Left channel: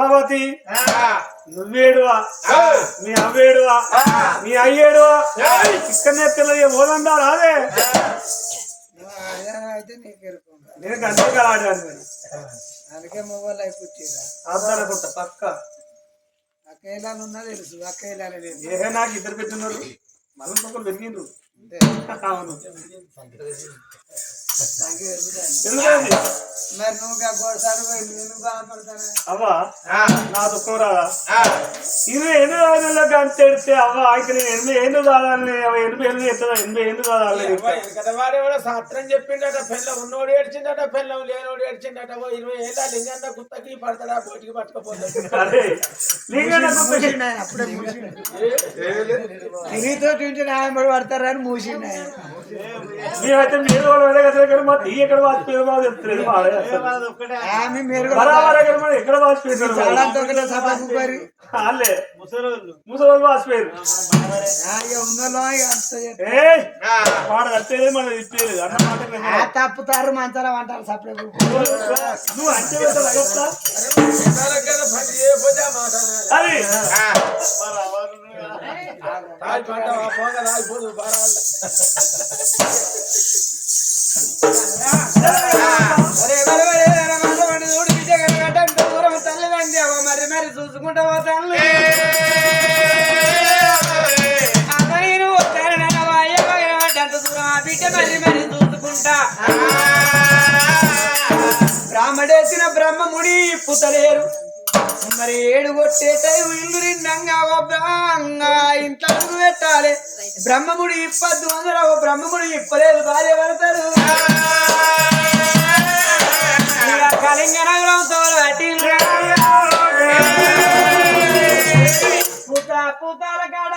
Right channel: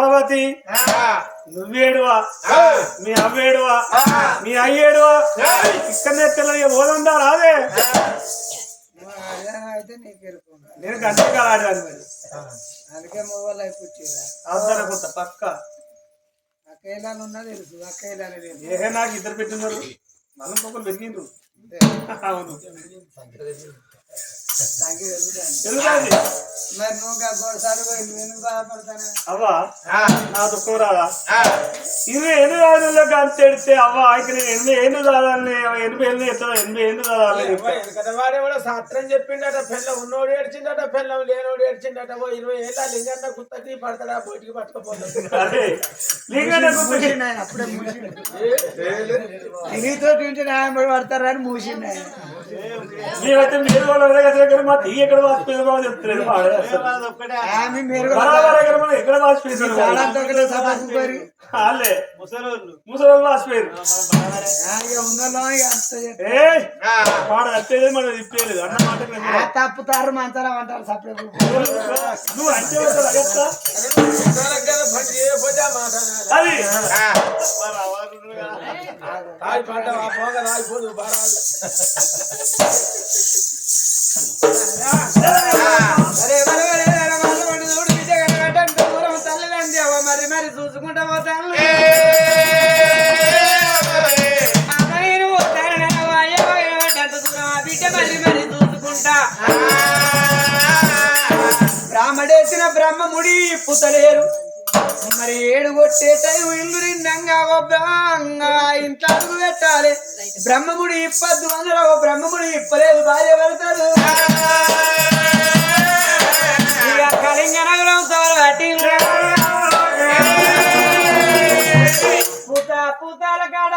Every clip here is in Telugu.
ప్రభావతి నువ్వేడువా మీ అవ్వేడువా మీ అయ్యేడువా ఇక్కడనే పోదందా రాదే అయితే నీకు నేను గంటగా ఆడాను అందుకే మొబైల్ అయిపోయిందా అర్థనుకుంటా పక్క అక్కయ్యలాలు ఉన్నా తెలుసు అక్కయ్యలాలు ఏ నాకు ఇద్దరు పెట్టినారు మళ్ళీ ఒకరు పెరిగిండ్రు అవును మరి నువ్వు గోడసారి ఎందుకు బాధపడతానే అవ్వా నా దుఃఖం రాదా 28 రోజుల్లో అంతేడితే అవ్వ అయితే నేను 8 కాదాలని 8 ఏళ్ళు ఎట్లా 8 కాదాలని వాడే కూడా శాస్త్రం చెప్పిండట పెళ్ళం ఉన్నోడు ఏడ్చిందట పెళ్ళం లేనోడు ఏడ్చిందట 20 ఏళ్ళ లింగన్న గుత్తకి పడతాడా బయటికి పట్టుకపోతాడు అదే అప్పుడే నీతో తింటే న్యాయం పడతారని మూసిండు మేమైతే మీరు వాళ్ళు మా తీయ ఎక్కడ వాచిపోయింది బాగా చెప్తలేదు ఎక్కడ వాచిపోయింది ఒకటే సభకు మరి వాళ్ళే ముసలి వాచిపోయారు వాడు వచ్చేదే మనం చెప్పేది అన్నమాట తప్పుతారు మంచాల అంటారు సపరేట్ నువ్వు అంటే అది మరి మరి చూసుకుంటా పోతాను బిడ్డ మరి మరి చూసుకుంటా బ్రాహ్మడేసిన బ్రహ్మముడి పుతలేరు మరి 7 కొట్టే టైం ఇల్లు నిండంగా ఇంట్లో అడుగు పెట్టాలి బ్రహ్మముడి ఇప్పద్దు అందరూ బ్రహ్మముడి ఇప్పలేదు భార్య పడతారు కళింగ నగరం పూతాల కాడ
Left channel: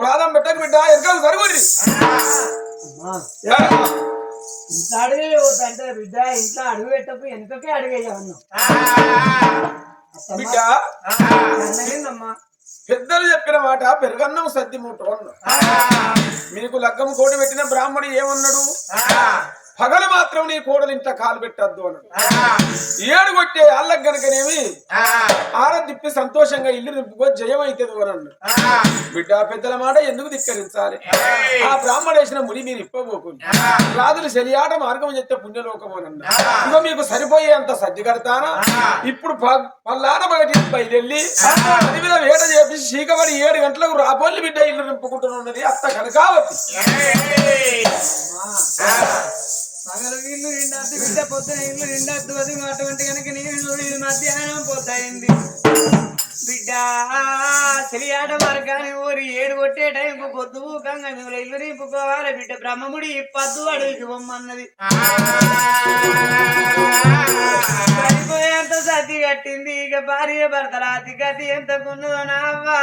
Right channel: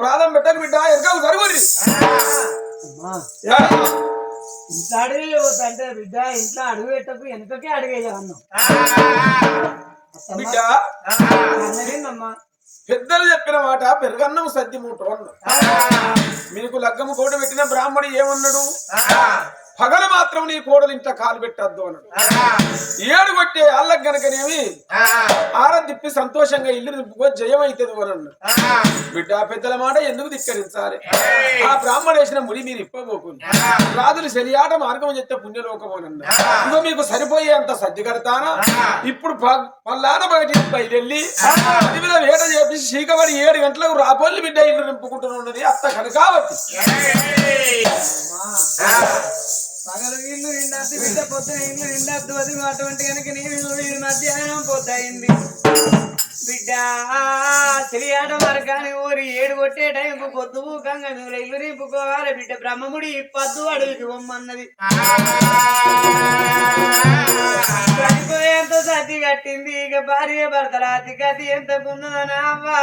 ప్రాణం పెట్టకు బిడ్డ ఎరకాలు సరుగురి ఇంట్లో అడుగు అంటే బిడ్డ ఇంట్లో అడుగు పెట్టకు వెనుకకే అడుగేయవన్నాం బిడ్డ పెద్దలు చెప్పిన మాట పెరుగన్నం సద్ది మూట మీకు లగ్గము కోడి పెట్టిన బ్రాహ్మణి ఏమన్నాడు పగలు మాత్రం నీ కోడలు ఇంట్లో కాలు పెట్టద్దు అన్నాడు 7 పుట్టే వాళ్ళకి గనకనేమి ఆరదిప్పి సంతోషంగా ఇల్లు నింపుకో జయమైతుంది వరన్న బిడ్డ పెద్దల మాట ఎందుకు ధిక్కరించాలి ఆ బ్రాహ్మణేసిన ముడి మీరు ఇప్పబోకుంది రాజులు శనియాట మార్గం చెప్తే పుణ్యలోకమోనన్న ఇంకో మీకు సరిపోయేంత సర్ది కడతానా ఇప్పుడు పల్లాన బయట బయలుదేరి అడవిలో వేట చేపించి చీకబడి 7 గంటలకు రాబోళ్ళు బిడ్డ ఇల్లు నింపుకుంటున్నది అత్త కనకావతి పగలు ఇల్లు నిండద్దు బిడ్డ పొద్దున ఇల్లు నిండద్దు అది అటువంటి కనుక నీళ్ళు మధ్యాహ్నం పోతాయింది బిడ్డ తెలియాట మార్గాన్ని ఊరి 7 కొట్టే టైంకు పొద్దు ఊకంగా మీరు ఇల్లు నింపుకోవాలి బిడ్డ బ్రహ్మముడి పద్దు అడవికి బొమ్మన్నది సరిపోయేంత సతి కట్టింది ఇక భార్య భర్తల అతి గతి ఎంత కొన్నదనావా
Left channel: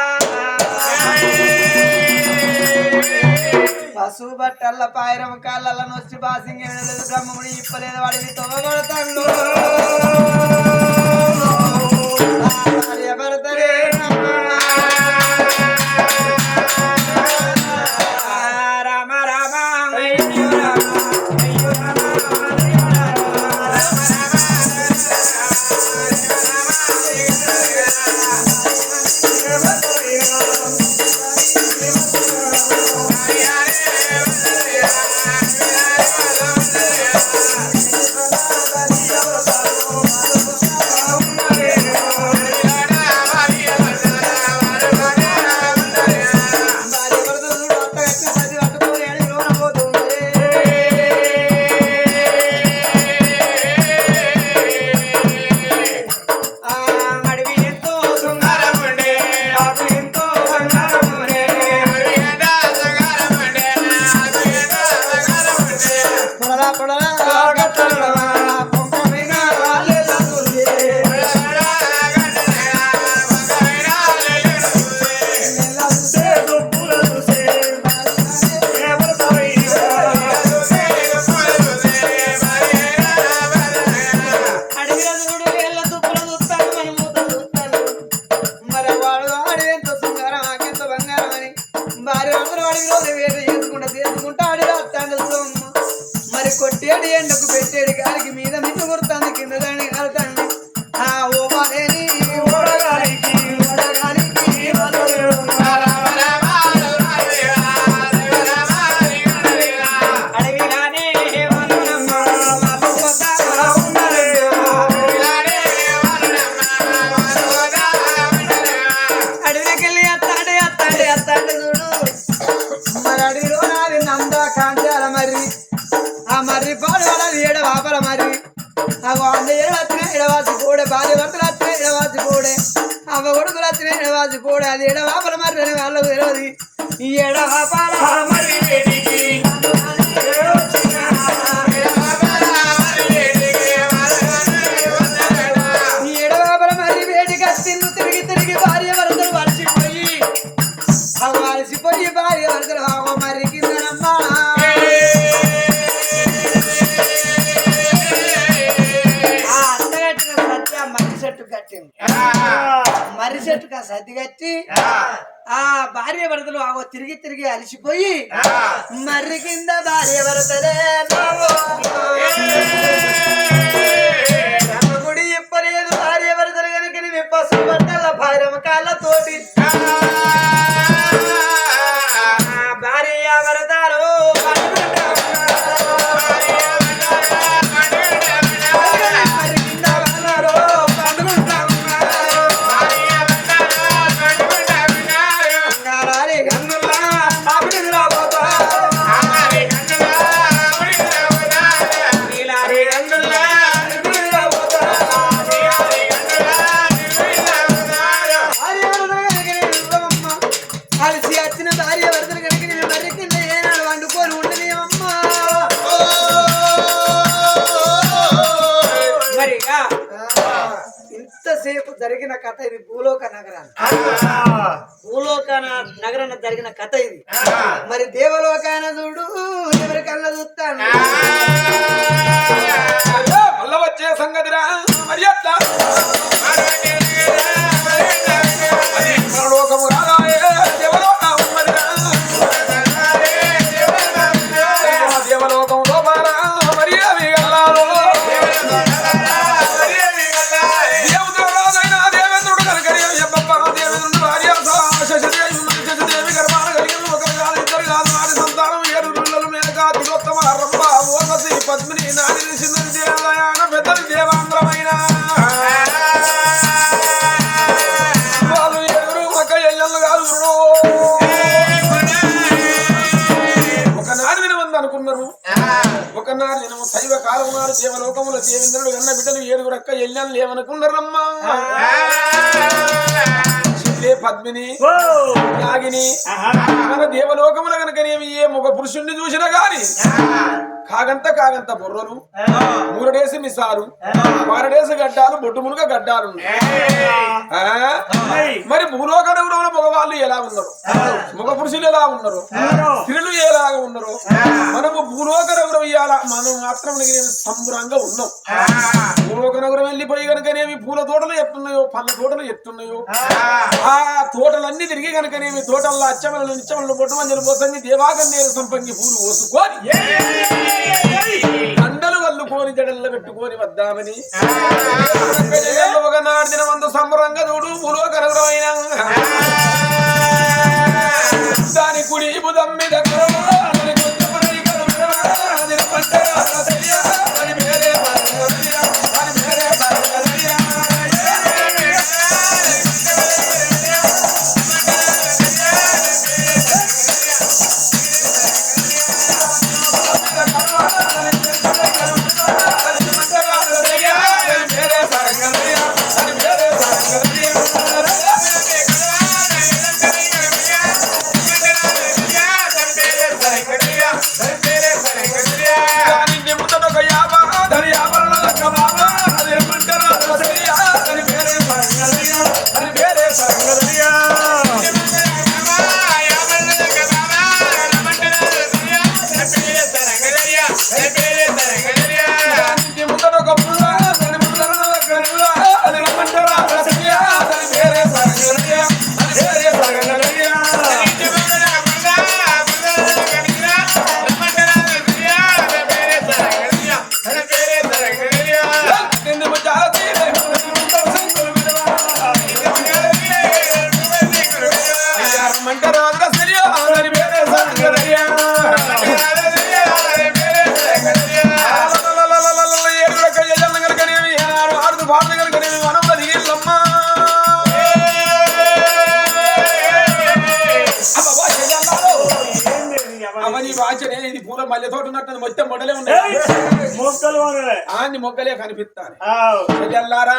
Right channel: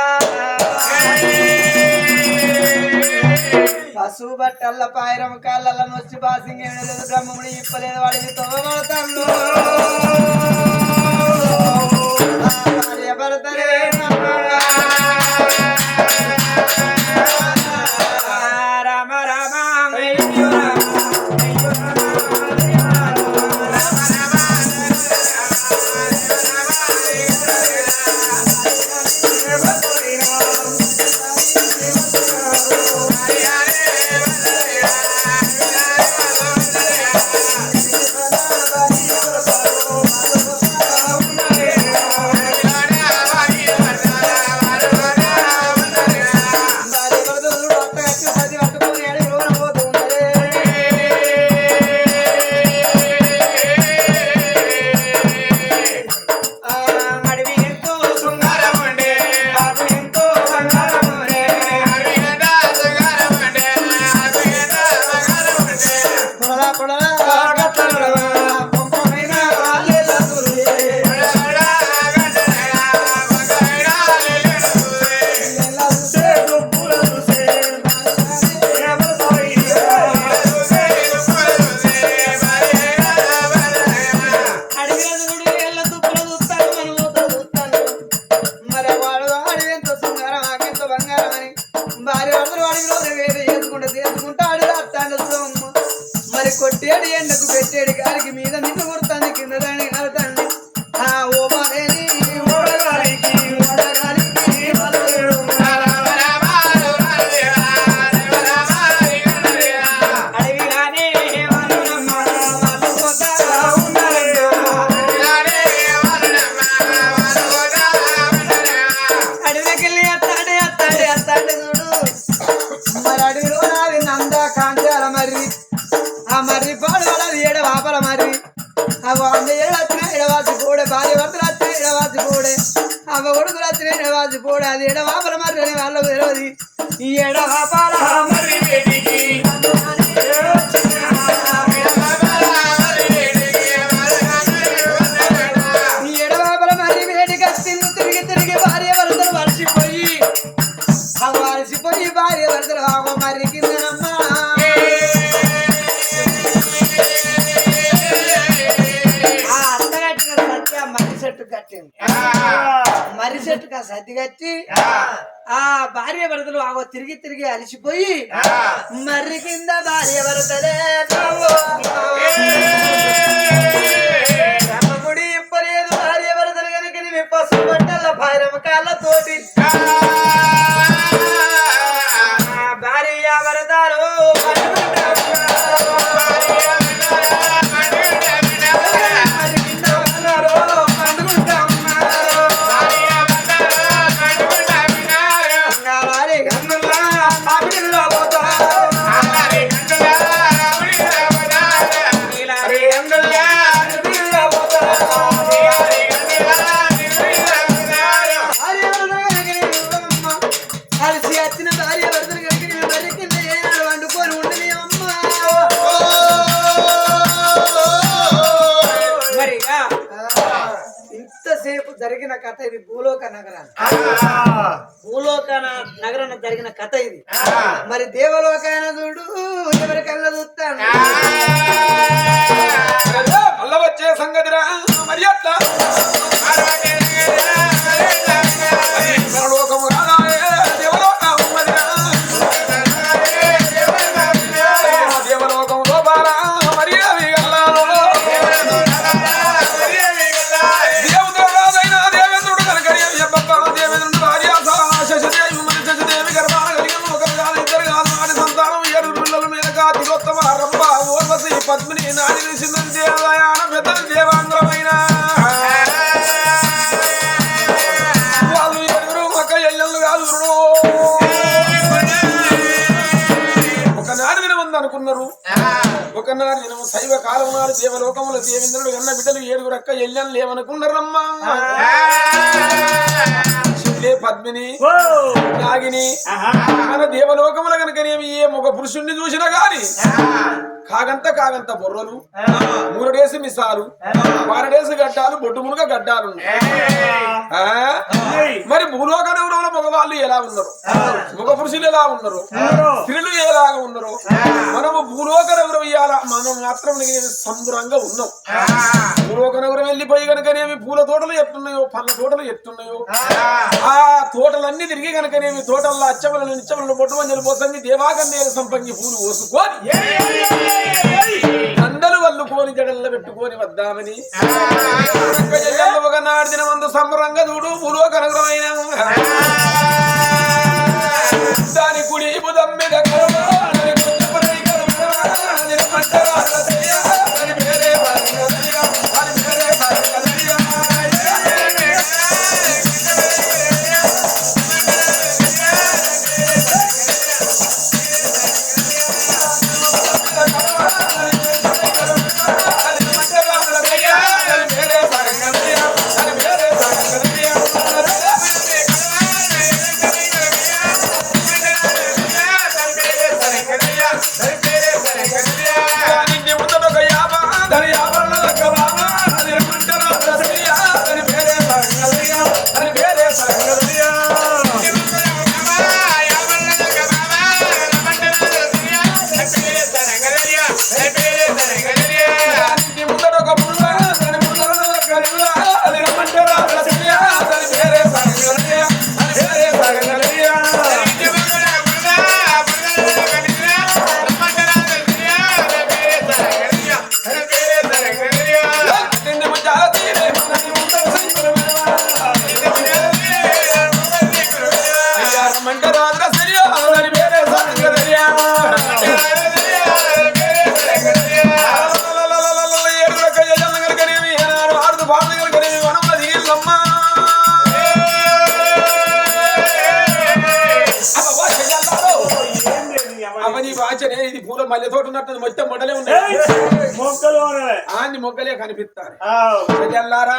పశువు బట్టల్ల పాయరం కాళ్ళ నొచ్చి బాసింగ్ ఏమి లేదు బ్రహ్మముడి ఇప్పలేదు వాడిని తోబడతాను భార్య భర్తలే రామ రామ అయ్యో కొట్టేడు ఎండకు పెట్టేడు గారికి మీద మిన్ను కొడుతుంది కింద దాన్ని కలుతండి ఆ ఓపాలేని ఓడగాలికి అడవిలానే అడవికెళ్ళి అత్తాడే చూడు మరి అడవిలో నాది నంద కాంచాల మరి ఆ మర్రి పాడు వాళ్ళది ఏడవాపల మర్రి అవ్వ 100 ఏళ్ళు వచ్చిన ఎడవాసి పోడే భార్య భర్తలు వచ్చిన ఎడవాసి పోడే అవ్వ కొడుకులు వచ్చిన ఎడవాసి పోడే అది ఎడవాపల మర్రి అని వాళ్ళకు తెలియదు ఈ ఎడవాపల మర్రి ఈ ఎడవాపల మర్రి వేడికి తిన్ను తిరిగి భార్య భర్తలు వలసిపోయి అవ్వ అలసిపోయి భార్య భర్తలు అవ్వ మర్రి కిందనమ్మా మర్రి చెట్టుకు ఆ సర్ది కట్టి ఆ భార్య భర్తలు ఆగో తిరిగి అలిసిపోయి మర్రి కింద భార్య భర్తలే గుడి ఇప్పలేదు భార్య భర్తలు కనుక పసుపు బట్టల భైరవ కాళ్ళతోటి భార్య భర్తలు ఇంతసేపు జరిగిన కథ ఇది భూలోక నగరాన జరిగిన కథ ఇది మరి దేవలోకాన చూడు ఎవరి కళ్ళ చూస్తాను మళ్ళా వచ్చే సంగతిరా మరి అట్లా దేవలోకంలో బాలా మరి అవి నాడు నేను శైవ కాలం నాడు దేవలోకముల దేవేంద్రుడు కన్న బిడ్డలు 7 రక్క ఎల్లని లేవనుకున్నారమ్మా పద్మిని నాగిని మన దేవలోకముల కనుకనేమి ఏ ఒక పురుషుణ్ణి చూసినా గాని కాగంత బొర్రలు 3 డేసి మిసాలు 12 డేసి గడ్డాలు బొట్టు మునుగ గడ్డాలు మరి భూలోకంలో మగవాళ్ళు ఎలా ఉన్నారు మగ పురుషులు ఎలా ఉన్నారు స్త్రీలు ఎలాగా ఉన్నారు మనము భూలోక నగరం ఇయ్యాల మనం మాత్రం సంబరంగా ఉన్నాం భూలోక నగరం వెళ్ళిపోయి కనుకనేమి పూల తోటలు ఎట్టున్నాయో పళ్ళ తోటలు ఎట్టున్నాయో ఆ తోటలన్నీ తిరిగి కనుకనేమి తోటల్లో అచ్చమలను నిచ్చమలను బొట్టు మంజలు పోసంగి దేవాగన్నేరు సంపంగి పూలు పోసుకొని దండలు వల్లుకొని జడల్లో పెట్టుకొని వద్దామని ఒకనాడు దినమందు సంబరంగా చూడు భూలోక నగరమైన దాని కుడి బుధం మీద ఇది పూల మల్లె తోట ఉన్నట్టు మొత్తం మొడలే ఉన్నాయి ఆన్ని మొగ్గలే కనిపిస్తారు చెల్లెల్లారా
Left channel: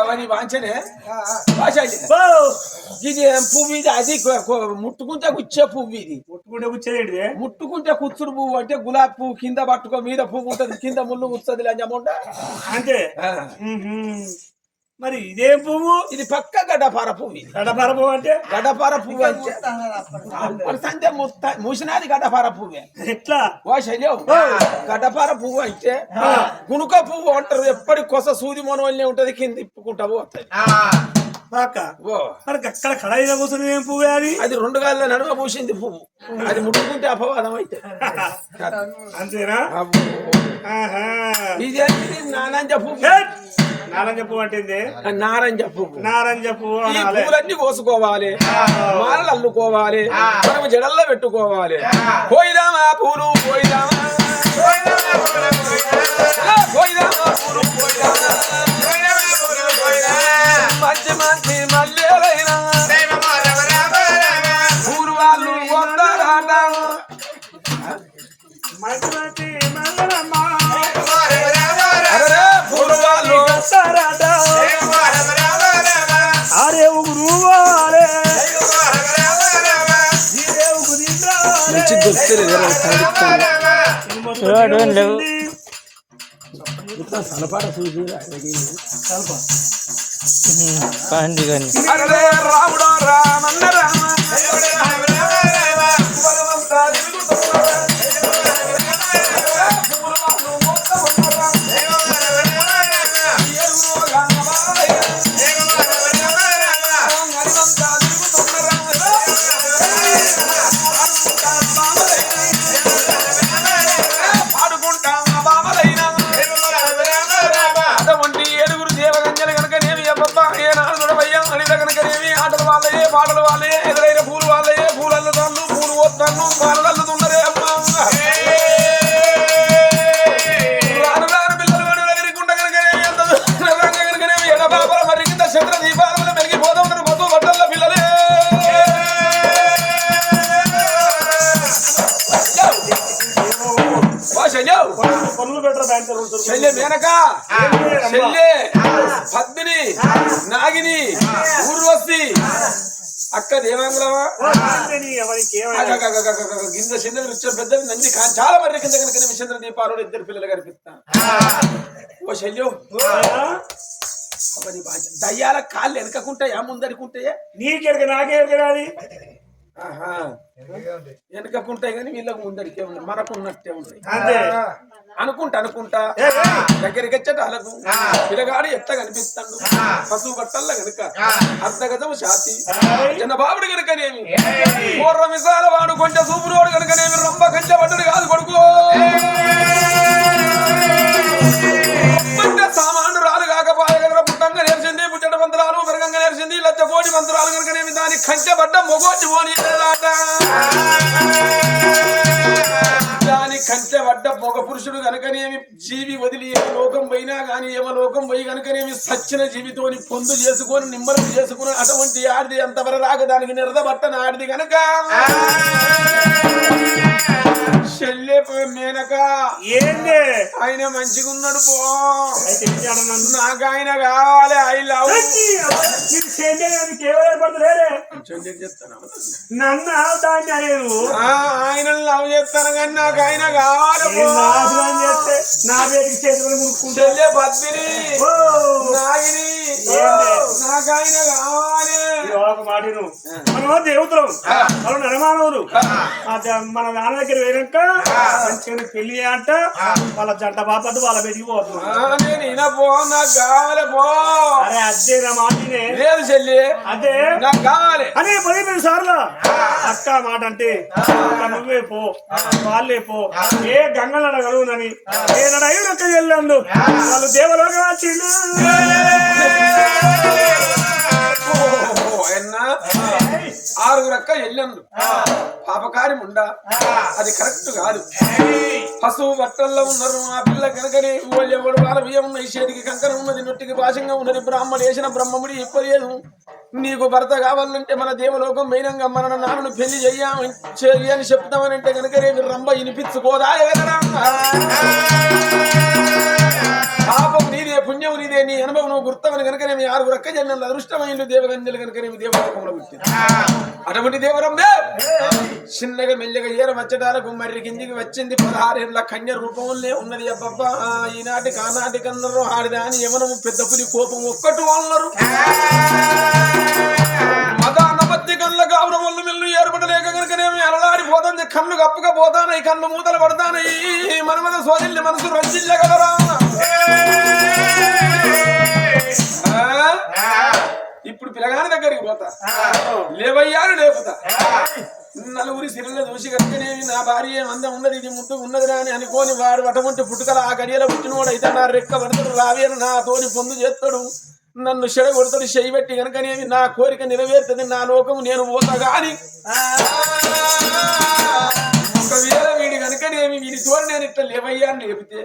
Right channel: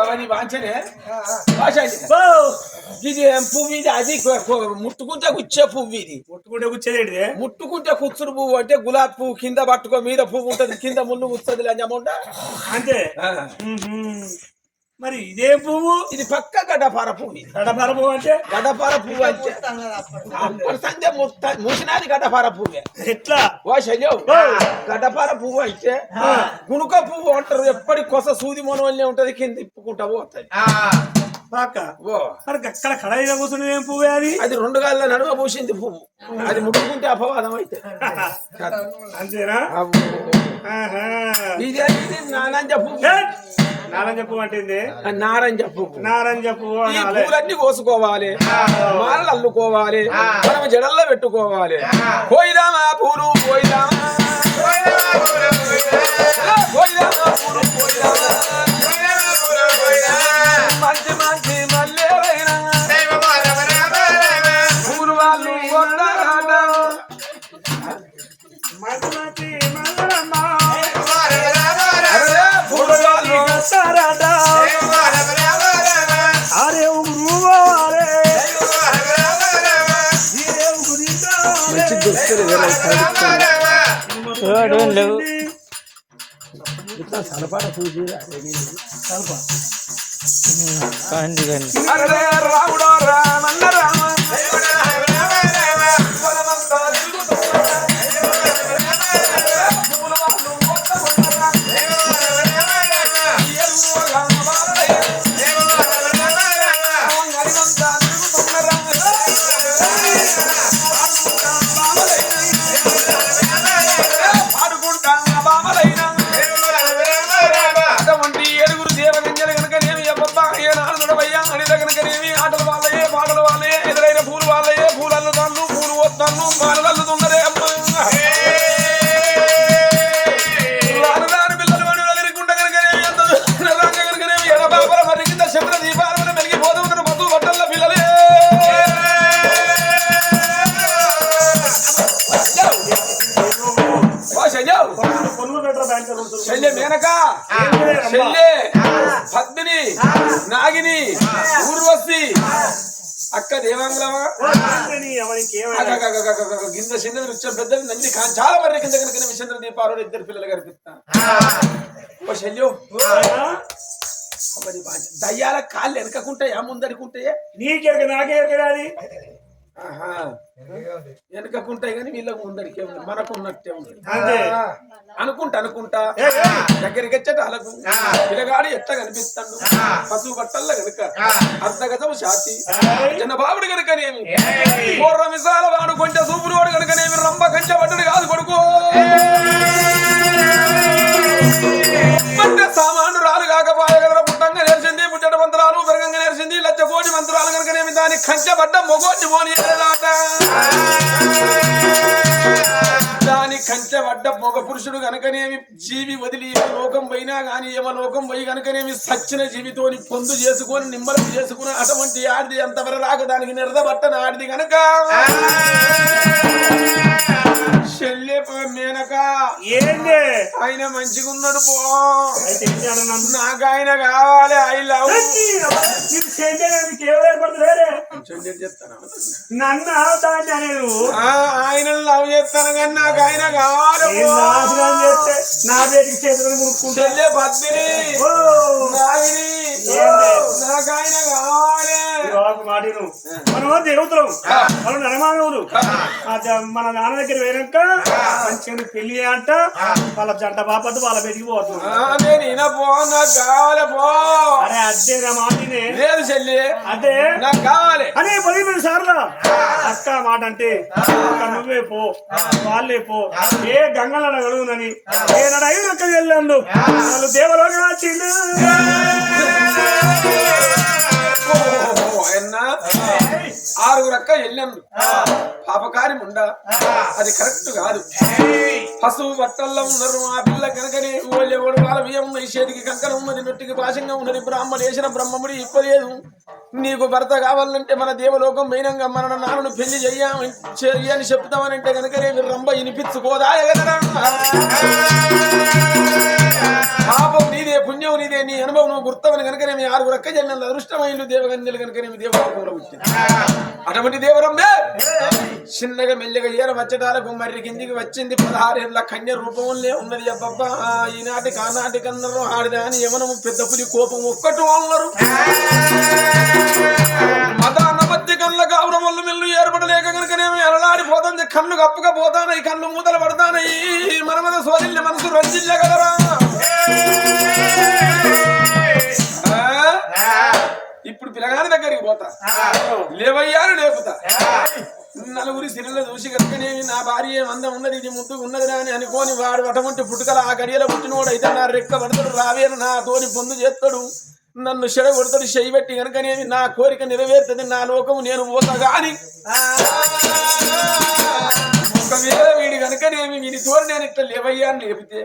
అవన్నీ వాంచనే ఇది పువ్వు ఇది అది ముట్టుకుంటే గుచ్చే పువ్వు ఇది ముట్టుకుంటే కుచ్చుడు పువ్వు అంటే గులాబీ పువ్వు కింద పట్టుకో మీద పువ్వు ఉంటది కింద ముళ్ళు కూర్చొది లంజముంట అంతే మరి ఇదేం పువ్వు ఇది పక్క గడ్డపార పువ్వు గడ్డపార పువ్వు అంటే గడ్డపార పువ్వు అంటే సంధ్య మూసినది గడ్డపార పువ్వే ఎట్లా ఓ శల్యం గడ్డపార పువ్వు అంటే గునుక పువ్వు అంటారు ఎప్పటి కొస సూది మొనవల్లే ఉంటది కింద ఇప్పుకుంటా పోతుంది మరి అక్కడ కడాయిగా కూర్చుని ఏం పువ్వు అది అది 2 గాళ్ళ నడుమ పూసింది పువ్వు అది ముట్టుకుంటే అపవాదం అయితే అంతేనా ఇది నానంజ పువ్వు నారంజ పువ్వు అంటే నారంజ పువ్వు నారంజ పువ్వు ఈ పువ్వులన్నీ కోసుకోవాలి మాలలు అల్లుకోవాలి మనం జడల్లో పెట్టుకోవాలి పోయిదామా పూలు పోయిదామా మంచి మంచి మల్లెలైన పూలు వాళ్ళు రాముడా రామన్న రామ ఆటలు వాళ్ళయే పాటలు వాళ్ళయే ఎదురైన పూలు వాళ్ళయే పూలు అల్లుతాను పూలు పోతాను మాలలు అల్లుతున్నదే అమ్మ పిల్లలు ఎదురుకుంట కనుకనేమి అంత కనుకనేమి ఎడ బాబల మరి కింద చంద్ర దీపాల మెలిగిపోతూ ఉంటారు బస్సు బట్టల పిల్లలే దాంట్లో రెండు శల్య మేనక శల్య పద్మిని నాగిని ఊర్వశి అక్క దేవాంగులమా గింజ చిన్న వృక్షం పెద్దది నంది చాలా మరి కింద కనుక విషంద్ర దీపాలు ఇద్దరు పిల్లలు కనిపిస్తా ఓ శల్యం దయ్యాల కాళ్ళు వెనకకుంటాయా ముందరికుంటాయా నీకెరక నాకే ఎరగరాది వెనకకుంటాయి కానీ వీళ్ళకి ముందడికే ఉన్నాయి మనకున్నట్టే ఉన్నాయి అంతే అనుకుంటా దగ్గరికి వచ్చేట అలకు పిల్లగాడు ఎట్లా కనిపిస్తాడు పశువు బట్టల్లో గనుక అర్ధగతం ఛాతి జనబాబుడు కనుకనేమి పూర్వ మిసాల వాడు కొంచెం సూపురోడు కనుకనేమి రంభ కంచె పట్టుడు కాదు కొడుకు సామాన్లు రాలు కాకపోయే కదా పుట్టంగా నేర్చింది పుట్టడ మంత్రాలు పెరగంగా నేర్చింది లచ్చ కోటి మంత్రాలు కనుకనేమి దానికి కంచె పడ్డ మొగోటి మోని దాని కంచె పడ్డ మగ పురుషుడు కనుకనేమి జీవి వదిలి ఏ లోకం పోయినా గాని ఏమ లోకం పోయి కనుకనేమి సచ్చిన జీవితోని పొందు చేసుకొని నిమ్మలం చేసుకుని అటువంటి ఆడిది అంతవరకు రాక దానికి నిరదబట్టన ఆడిది కనుక మేనక ఏంది ఆయన మంచిగా ఉన్నాడు పో అయితే నాకు ఆయన కావాలి ఐ లవ్ చెప్తాను నన్ను దాన్ని అనేది ఆయన లవ్ చేస్తాను కానీ నాకు ఆయన కావాలి నాశనం చేస్తే నా పేరుకి చేతులు ముడుకుంటే పద్మిని నాగిని నాకు ఆయన కావాలి మాటిను మనం దేవతలం మనం నరమానవులు మన నాన్న దగ్గర వేయక మంచిగా పెళ్లి అంట వాళ్ళ జంట బాపద్దు వాళ్ళ బయటికి పోతున్నాడు అరే అదే నా మాటినే లేదు చెల్లి అదే నాకు కావాలి అనే 10 సార్లు అక్క మాట అంటే నువ్వే పో వాళ్ళే పో ఏ గంగలు అడగలునని ఏ నడు ఒక్క వెళ్ళండు వాళ్ళు దేవలోకి వచ్చిండు ఆరుగురక్క వెళ్ళండు పాపకారి ఉండా అది కరెక్ట్ కాదు పశువు బట్టల్లో ఉన్నారు ఆ పిల్ల కనుకనే ఎవడు వాళ్ళ బియ్యం ఉన్నాయి చేతికి కంకణ ఉన్నది నొట్టికి భాషంగా ఉన్నది బ్రాహ్మడు వేసిన బ్రహ్మముడి ఇప్పలేదు నీకు భర్త కావాలంటే మన దేవలోకం మైనంగా మన నాన్నను పెళ్లి చెయ్యి అని చెప్తామనంటే కనుకనే రంభ వినిపించుకోదా ఎగదరా పాపం నీదే పుణ్యం నీదే నీ అనుభవం నువ్వు గుర్తమని కనుకనే మీ ఆరుగురు అక్క జన్మలు అదృష్టమైంది దేవగంజలు కనుకనే దేవలోకంలో వచ్చింది అటువంటి దేవరంబే చిన్నగా మెల్లగా ఏర వచ్చటాలకు మర్రి కిందికి వచ్చింది 16 ఏళ్ల కన్య రూపంలో ఉన్నది అబ్బబ్బా ఈనాటికి ఆనాటికి అన్నారు ఆడిదా అని యమనము పెద్ద పులి కోపం ఒక్కటి అన్నారు మదానబద్ది కళ్ళ గౌరవం వల్ల మెల్లు ఏర్పడలేక కనుకనేమి అలలాడిపోతుంది కళ్ళు కప్పుగా పోతానయి కళ్ళు మూతలు పడతానయి మన మీద సోదిల్ని మనసు రంజిల్లగలరా ఇప్పుడు పిల్లగాని దగ్గరికి పోతా లేవయ్యాను లేపుతా నలుగురి సిరిలో చూసి కనుకనే నా భార్య మందం ఉన్నది ఇది ముద్దుగా ఉన్నది అని అనుకోని వాడు అటువంటి పుట్టుకల ఆ గడియలో పుట్టినోడు అయితే నా రెక్క పడతాడు రావేను నా తోని పొందు చేస్తాడు నన్ను చెడ కొడతాడు చెయ్యి పెట్టి కనుకనేది నా కోరిక నెరవేరుతుంది నా లోకము నేను పోతా గాని ఒకవేళ వీడి కనుకనేమి వీడి తోడు నేను ఇట్లా లేవయ్యాన్ని లేపితే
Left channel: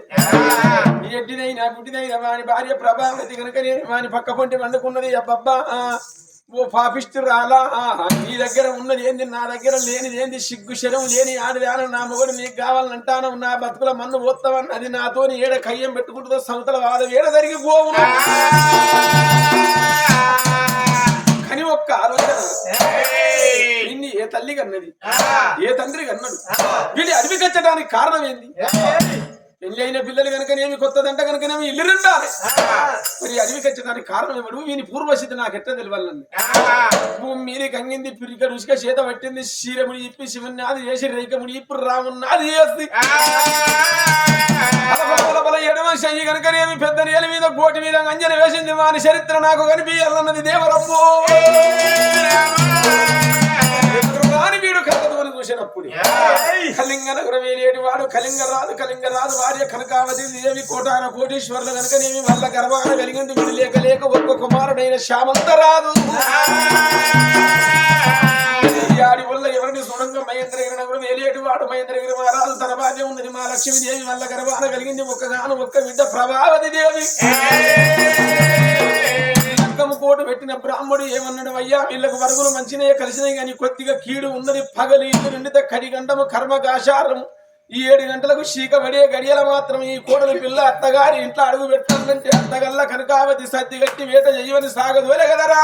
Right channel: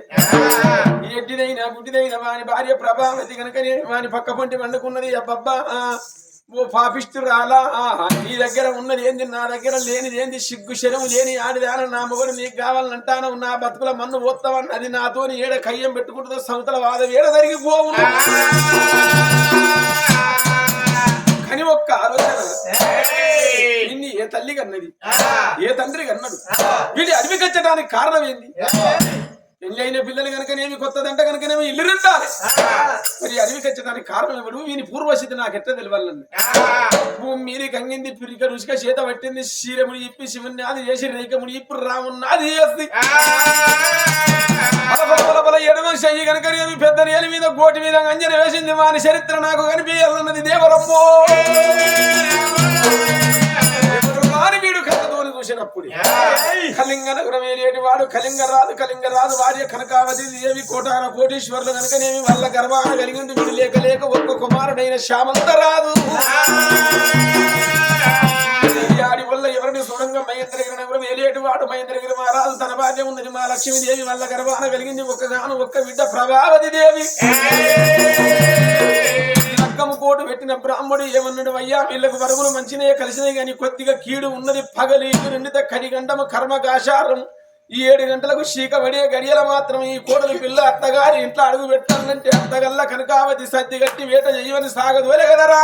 ఎడ్డినైనా బుడ్డినైనా వాని భార్య ప్రభావతి కనుకనేమి వాని పక్క పొంటి వండుకున్నది అబ్బబ్బా ఓ పాపిస్తు రాలా నీ దగ్గర ఉన్నది ఏంది నా దగ్గర లేనిది ఏంది సిగ్గు శరం లేని ఆడిదాన నా మొగడు నీకు కావాలంటాను నా బతుకుల మన్ను పోతావని అది నాతోని ఏడ కయ్యం పెట్టుకుంటుందో సంతల వాదం ఏడ జరిగిపోవు అని ఒక్క ఆలోచన ఇన్ని ఏ తల్లి కన్నది ఏ తండ్రి కన్నాడు వీడి అడవి కట్టడానికి కారణం ఏంది పెళ్లి అయిన పిల్లలు కనుకనేమి కొత్తదంట కనుకనేమి ఇల్లు రెండాలి మరి అడవి కట్టడానికి కారణం ఇవ్వడు వీని పూర్వస్థితి నాకు ఎట్లా తెలియాలండి భూమి మీది కంగింది పిరిక రుచిగా చేత పట్టింది శీరముడి ఇప్పి శివుని అది చేసి రేఖముడి ఇప్పుడు రామున్నది చేస్తుంది ఎడమ చెయ్యి కనుకనేమి పెద్ద నేల మీద గోటి మీద అంజన వేసింది వాని చరిత్ర నాకు కనిపించాలన్నది దేవరమ్మో వీడు కథతోని చూసినప్పుడు కళింగ నగరం ఏలేటి వాడు కళింగరాజు భార్య కనకావతి దేవి కోటాన కోటీశ్వరులు కనుకనేమి వాళ్ళ గర్భాన కలిగింది వీడు లేక లేక ఒక్క కుమారుడైన శ్యామంతరాజు వల్ల ఎవరిని సొంతంగా మహేంద్రగిరి నగరం ఏలేటి వాడు మహేంద్రగిరి మహారాజు తన భార్య ఉన్నది మా లక్ష్మీదేవి వాళ్ళ గర్భాన కలిగింది ఒక్క బిడ్డ ప్రభావతి దేవి కోటు పెట్టిన బ్రాహ్మడు ఏమన్నాడు అయ్యా వీళ్ళకు వరుగులు మంచినే కలిసినాయి కానీ కొద్దిగా కీడు ఉన్నది పగలి నిండిత కడిగండము కర్మకాశారం ఈ 7 గంటలకు చీకబడే గడియల మాత్రం ఈ కోడలి పిల్ల అత్తగారి ఇంట్లో అడుగు పెట్టాలంటే అత్తగల్ల కనకావతి సద్ది గట్టి వేట చేయవని సాగదోలే కదరా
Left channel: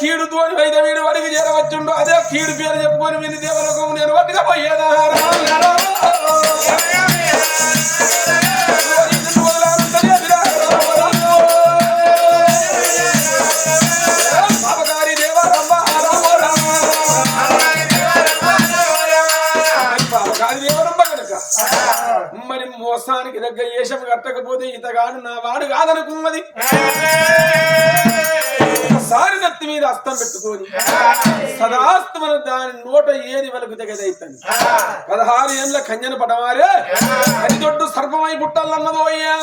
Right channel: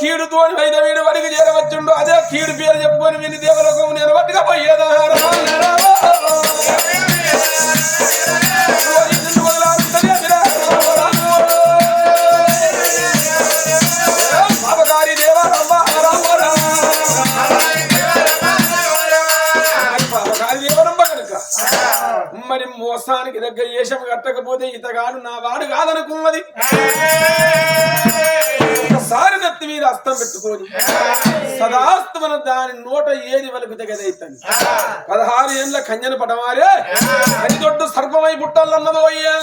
కీడుతోని వైద్య వీడు వడికి చేరవచ్చుండు అదే కీడు పేరు చెప్పుకొని విని దేవలోకం నేను వడ్డుగా పోయేదా పాపగారి దేవరమ్మ పాపగారి దేవరమ్మ కనుక మరి మోసానికి దగ్గర ఏషం కట్టకపోతే ఇతగాడు నా వాడు కాదనుకున్నది ఒకసారి నెత్తి మీద అస్తం పెట్టుకొని సదాస్తమన దాని నోట ఏది వరకు తెగదైతుంది 16 ఏళ్ళ కంజన పడమారే అది దొడ్డు సర్పమై పుట్టాలన్నదో అయ్యా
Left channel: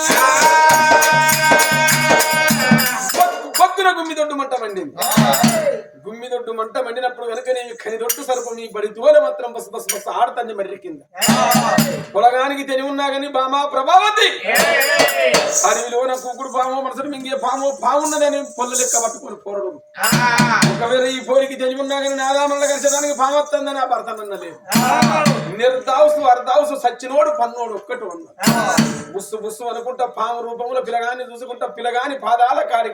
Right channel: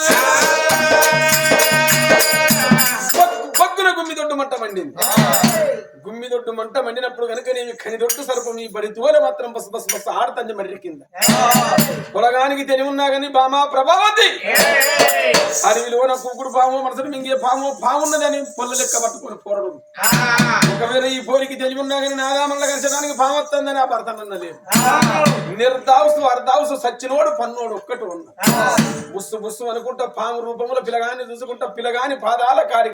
బొగ్గున గుమ్మిదొడ్డు మంట మండింది గుమ్మిదొడ్డు మంట మండినప్పుడు కనుక నేను కనిదొడ్డు సర్పం ఈ బడి తోల మాత్రం బస్ బస్ బస్ ఆడుతుంది మర్రి కింద పొలగానికి తెలివి ఉన్నా కానీ బామా ప్రభావతి అడవిలోన కూకుడు పాము మనసును మింగే పామున్నదని పొల్ల లెక్క పట్టుకొని పోరడు ఒకవేళ ఈ పోరికి తెలివి ఉన్నా కానీ నాదామల్ల కలిసడానికి పాము వస్తుందని ఆ భర్త అన్నలేదు నిర్దావుసు అర్ధావుసు సచ్చినోడు పన్నోడు ఒక్కటి ఉన్న బుస్సు బుస్సు అనుకుంటా పాము రూపంలో పిల్లగాన్ని చూసుకుంటా పిల్లగాని పాదాల కాడి